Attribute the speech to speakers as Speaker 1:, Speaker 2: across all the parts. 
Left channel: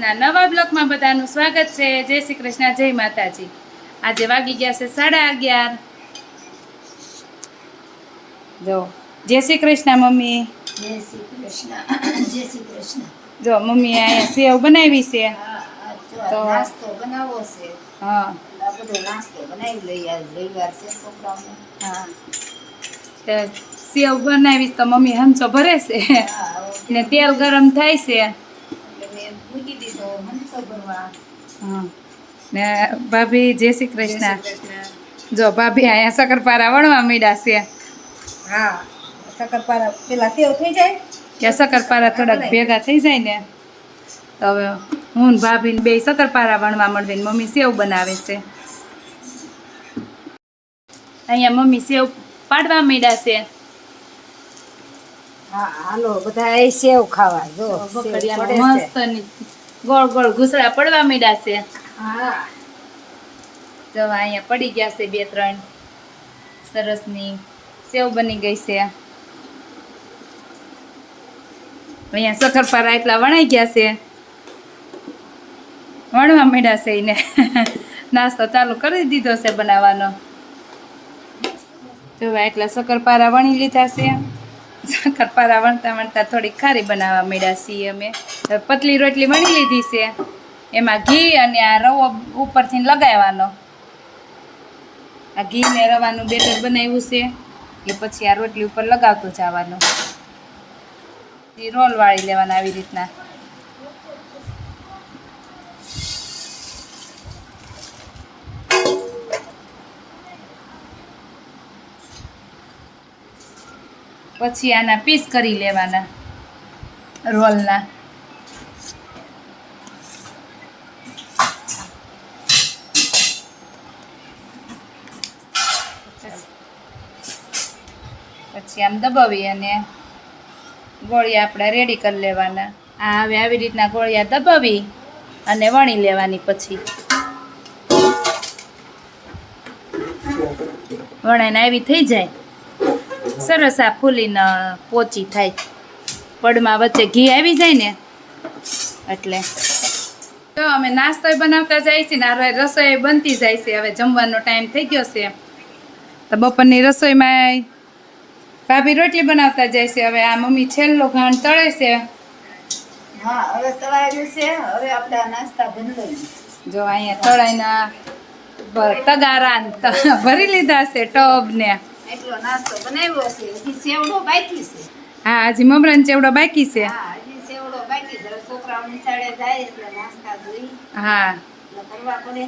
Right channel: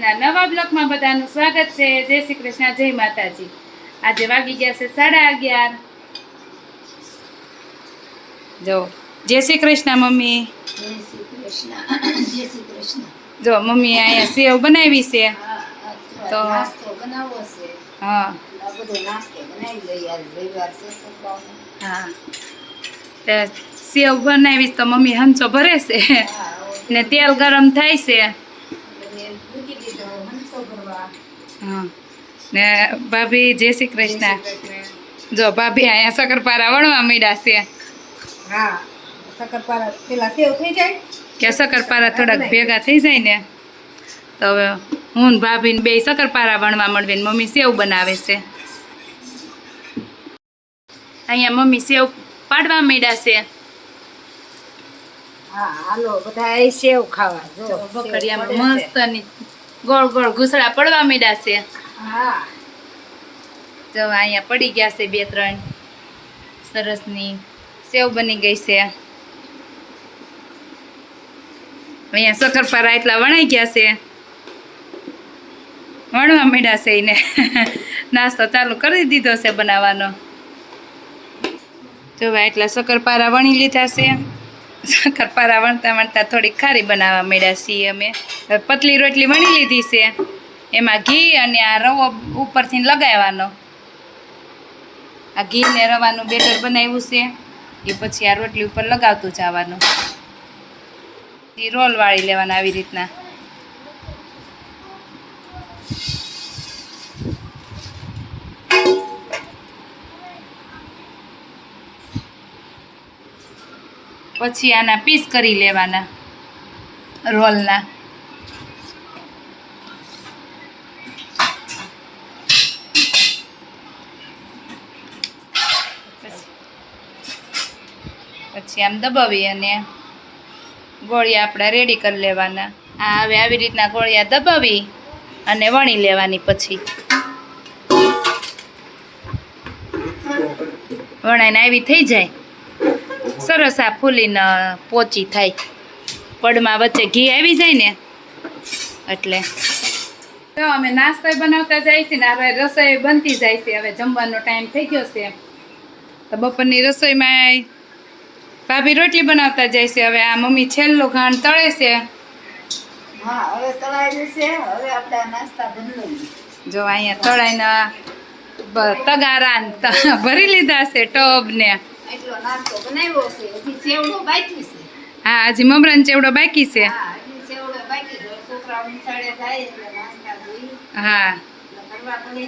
Speaker 1: ના નવા બ્લોકમાં બધાનું સ્વાગત છે. જય શ્રી કૃષ્ણ જય માતાજી. આજે વાગી ગયા છે સાડા અગિયાર. જો જય શ્રી કૃષ્ણ મમ્મી.
Speaker 2: જય શ્રી કૃષ્ણ જય શ્રી કૃષ્ણ.
Speaker 1: જો મમ્મીએ અહીંયા સેવ બનાવી છે.
Speaker 2: તો તો- નાસ્તો બનાવવો છે. હા. બધો નાસ્તો બનાવી લઈએ આજ રવિવાર છે છોકરાઓને.
Speaker 1: હા. સેવ બનાવીશ તો મમ્મી હંચો ભરે છે. ને તેલ ગરમ થાય છે
Speaker 2: એટલે મેં મૂકી દીધો હંસો ભરવા હા
Speaker 1: ને ભાભી જય શ્રી કૃષ્ણ. જો ભાભી અહીંયા શક્કરપારા વણવા મીડા છે.
Speaker 2: હા શક્કરપારા પેલા સેવ થઈ જાય?
Speaker 1: કે શક્કરપારા થોડાક ભેગા થઈ જાય ને? તો હવે હું ને ભાભી ને બે શક્કરપારા વણવા મળવી મમ્મી સેવ બનાવે છે. અહીંયા મમ્મી સેવ પાડવા માંડ્યા છે.
Speaker 2: હા હાલો બધા સેવ ખાવા જો.
Speaker 1: મસ્તની ગોળ ગોળ ઘૂસડા પડવા માંડ્યા છે. હા. જો અહીંયા પડી ગયા છે બે ત્રણ. સરસની સેવ બની ગઈ છે. અહીંયા શક્કરપારા એટલા વણાઈ ગયા છે. વણવા માંડ્યા છે એને. નાસ્તો ચાલુ કરી દીધો છે બનાવવાનો. જો એટલા શક્કરપારા વણી લીધા છે. શક્કરપારા વણતા વણતા થોડીક ખારી બનાવવા માંડ્યા છીએ અમે. પતલી રોટલી વણી લીધી છે. એમાં ઘી અને આ રવો ઉપરથી લગાવવાનો. આ ઘી ને રવાનું બેટર બનાવ્યું છે. એ પછી આ રોટલી ઉપર લગાવતું જવાનું. એ રોલ વાળી લેવાના આવી રીતના. પછી આના પીસ કરી લેવાના રોલના. પછી આમ દબાવી અને ગોળિયા આપણે રેડી કરી લેવાના. આ હવે આવી રીતના ગોળિયા દબાવી અને વણી લેવાની પછી. વણાઈને આવી થઈ જાય. સરસ આ ફૂલીને પોચી થાય. પડમાં વચ્ચે ઘી આવી જાય ને એટલે. તો અમે નાસ્તો બનાવતા જાય છે ને હવે રસોઈ બનતી જાય છે. હવે જમવાનો ટાઈમ થઈ ગયો છે. તો બપોરની રસોઈમાં ભાભી રોટલી બનાવતા જાય છે. હવે આ મમ્મી છેલ્લો ઘાણ તળે છે. જો અહીંયા તળાઈના તગારા ભરી લીધા છે ટબ ને.
Speaker 2: એટલો નાસ્તો બનાવ્યો છે. હજી સેવડો બાકી છે.
Speaker 1: હા હજી મમરાન ચેવડો બાકી છે. હા
Speaker 2: હજી સેવડો બાકી છે. છોકરાઓ નિશાળે જાય એટલે નાસ્તા જોઈ.
Speaker 1: હા. કરવા પડે.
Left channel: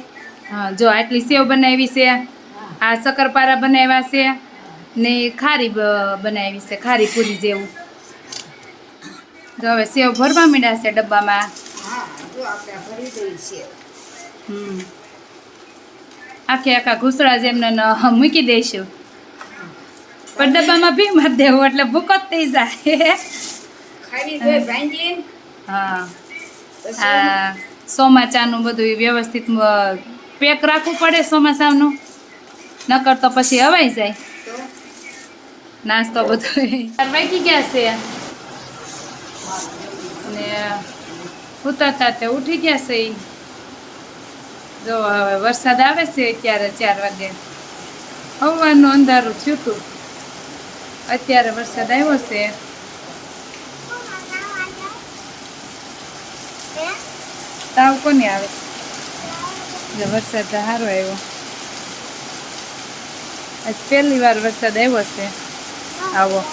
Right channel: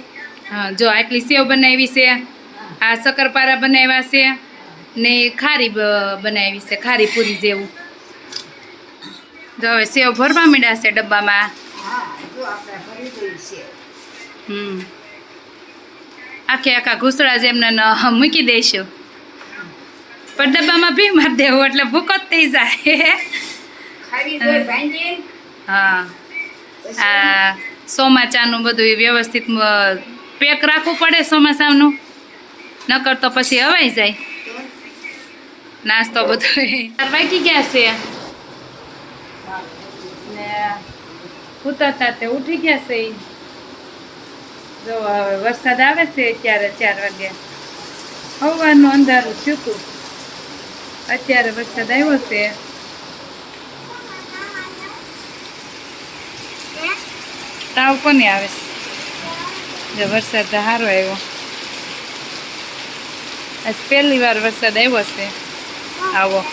Speaker 1: હા જો આટલી સેવ બનાવી છે. આ શક્કરપારા બનાવ્યા છે. ને ખારી બ- બનાવી છે ખારી પૂરી જેવું. જો હવે સેવ ભરવા માંડ્યા છે ડબ્બામાં. હમ. આખે આખા ઘૂસડા જેમને મૂકી દઈશું. પણ ડબ્બામાં ભી માર દેવું એટલે ભૂકો જ થઈ જાય. હા. ચોમાચાનું બધું વ્યવસ્થિત પેક રાખવું પડે ચોમાસાનું. નકર તો પછી હવાઈ જાય. નાસ્તો બધો વાગી ગયા છે. ને ઉતરતા તે ઉઠી ગયા છે. જો હવે વરસાદ આવે છે ક્યારે ચાર વાગે. હવાનું અંધારું થયું હતું અત્યારે વરસાદ આવ્યો છે. તાવ કોને આવે? છે જો વરસાદ સારો આવ્યો. આજ પહેલી વાર વરસાદ આવ્યો છે. આવો.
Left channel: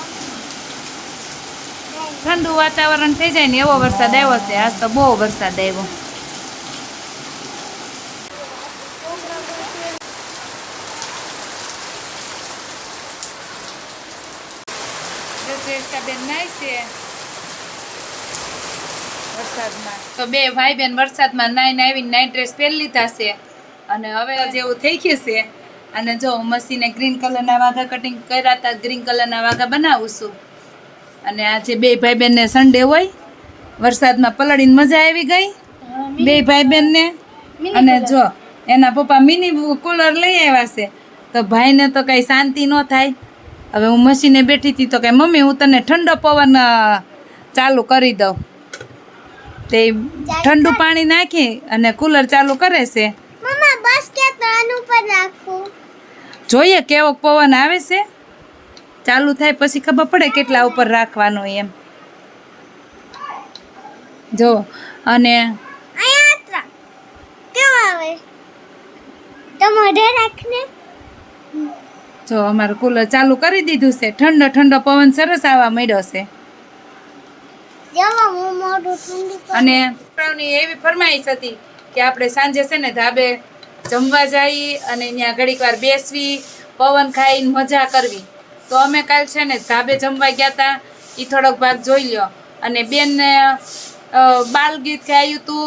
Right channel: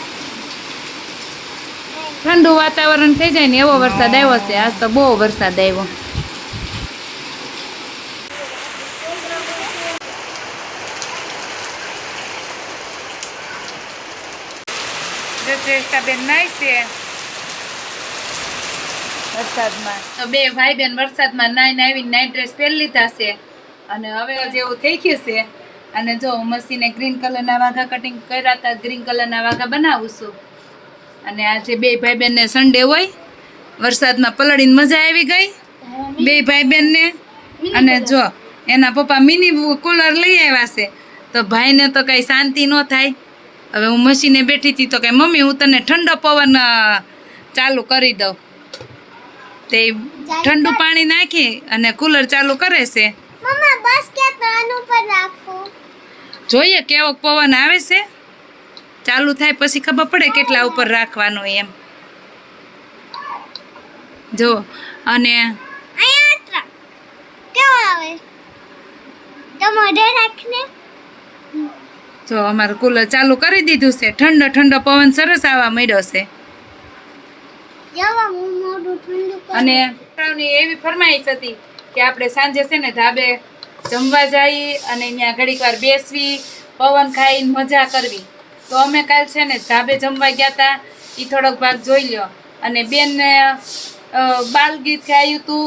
Speaker 1: ઠંડુ વાતાવરણ થઈ જાય ને એવો વરસાદ આવ્યો છે. આજ તો બહુ વરસાદ આવ્યો. બેન નાય છે. વરસાદમાં. તો બે ભાઈ બેન વરસાદમાં નાઈને આવીને નાઈટ ડ્રેસ પહેરી લીધા છે. અને હવે જેવું થઈ ગયું છે. અને જો મસીને ગ્રીન કલરના વાઘા કટિંગ કર્યા હતા ગ્રીન કલરના વાઘા બનાવું છું. અને આજે બે ભાઈ બેનને સન્ડે હોય વરસાદમાં પલળીને મજા આવી ગઈ. બે ભાઈ બેનને અને જો એના પપ્પા મિની કુલર લઈ આવ્યા છે. તો ભાઈને તો કઈ શાંતિ ન થાય. હવે હું મશીને બેઠી હતી તો કે મમ્મી હું તને ઠંડો પવન ચાલુ કરી દઉં. તે ઠંડુ પાણી નાખી અને કુલર ચાલુ કરે છે. જોઈએ કેવો પવન આવે છે. ચાલુ થાય પછી ખબર પડે કેટલા ઉપર રાખવાનો એમ. જો અને
Speaker 3: કેવો આવે? તો મોઢે રાખને.
Speaker 1: જો અમારું કુલર ચાલુ કરી દીધું છે. ઠંડો ઠંડો પવન સરસ આવવા મળ્યો છે. અને એવી ફરમાઈશ હતી કે આપણે સાંજે છે ને ધાબે જમવા જઈ અને ત્યાં ઘડીક વાર બેસવી પવન ખાઈને મજા કરવી. તો અમે કાલ છે ને ધાબે જમવા ગયા હતા એ થોડોક ભાગ જોઈ લ્યો. અને બેનને બાલ ગીત ગાયું હતું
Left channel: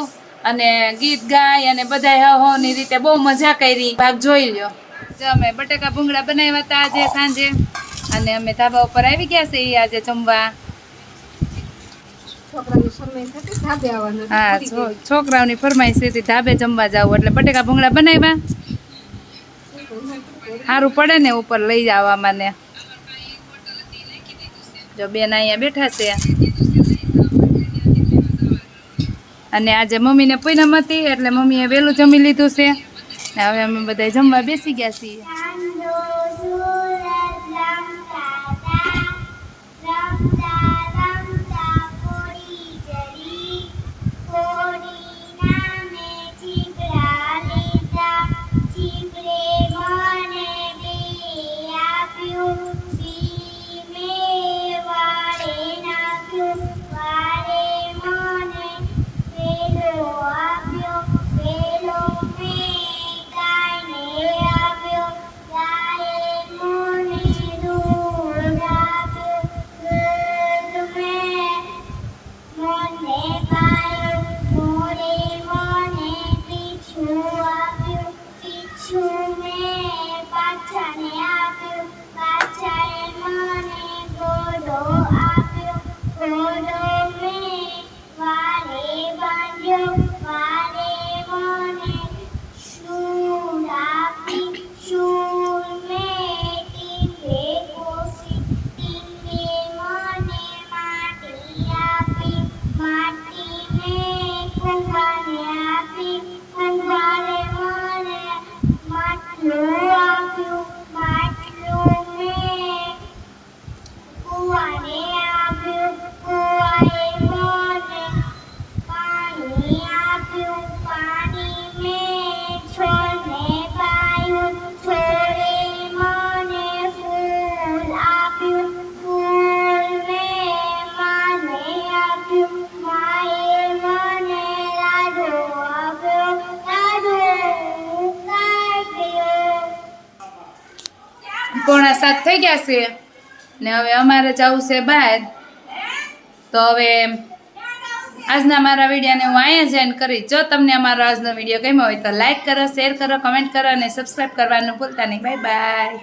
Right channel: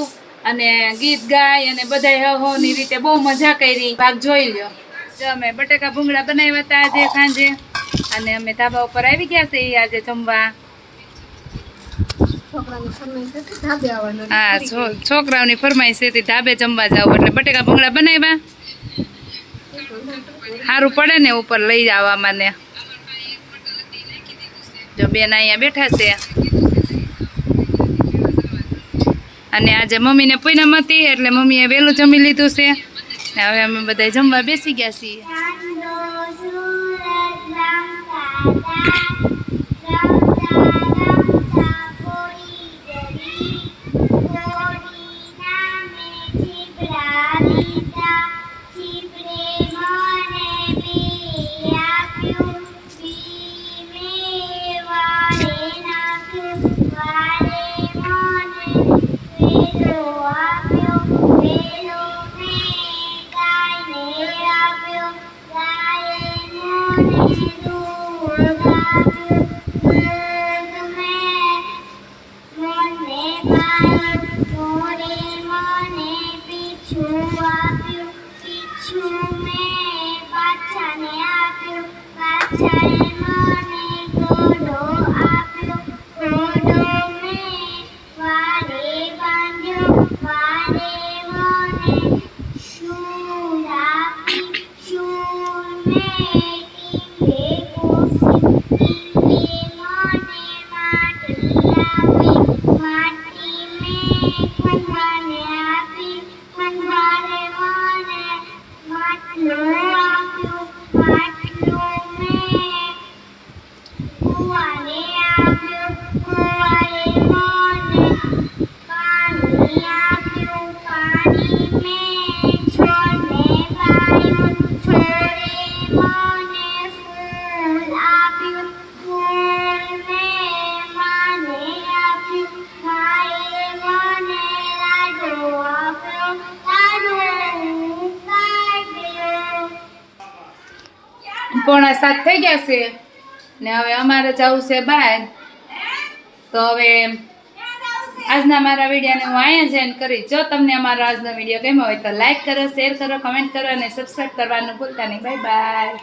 Speaker 1: અને ગીત ગાય અને બધા હોની રીતે બહુ મજા કરી. ભાગ જોઈ લ્યો. જો અમે બટાકા ભૂંગળા બનાવ્યા હતા આજે સાંજે. અને અમે ધાબા ઉપર આવી ગયા છે આજે જમવા. હા છોકરાઓની ફરમાઈશ હતી ધાબે જમવા જાવ એટલે બટેકા ભૂંગળા બનાવ્યા. સારું પડે ને ઉપર લઈ જવામાં ને. જો બેન અહીંયા બેઠા છે. અને આજે મમ્મીને પૂનમ હતી એટલે મમ્મીએ વહેલું જમી લીધું છે. ને હવે અમે બધા જમવા બેસી ગયા છીએ. কুসুমে বাচ্চা নিয়ে মনে করো nữa પોણા સાત થઈ ગયા છે. ને હવે અમારે જવું છે બહાર. તો હવે આજના મારા વિડીયોને હું અહીંયા જ એન્ડ કરીશ. જો તમને અમારો આજનો વીડિયો ગમ્યો હોય તો લાઇક કરો શેર કરો કમેન્ટ કરો અને સબસ્ક્રાઈબ કરવાનું ભૂલતા નહીં. Bye by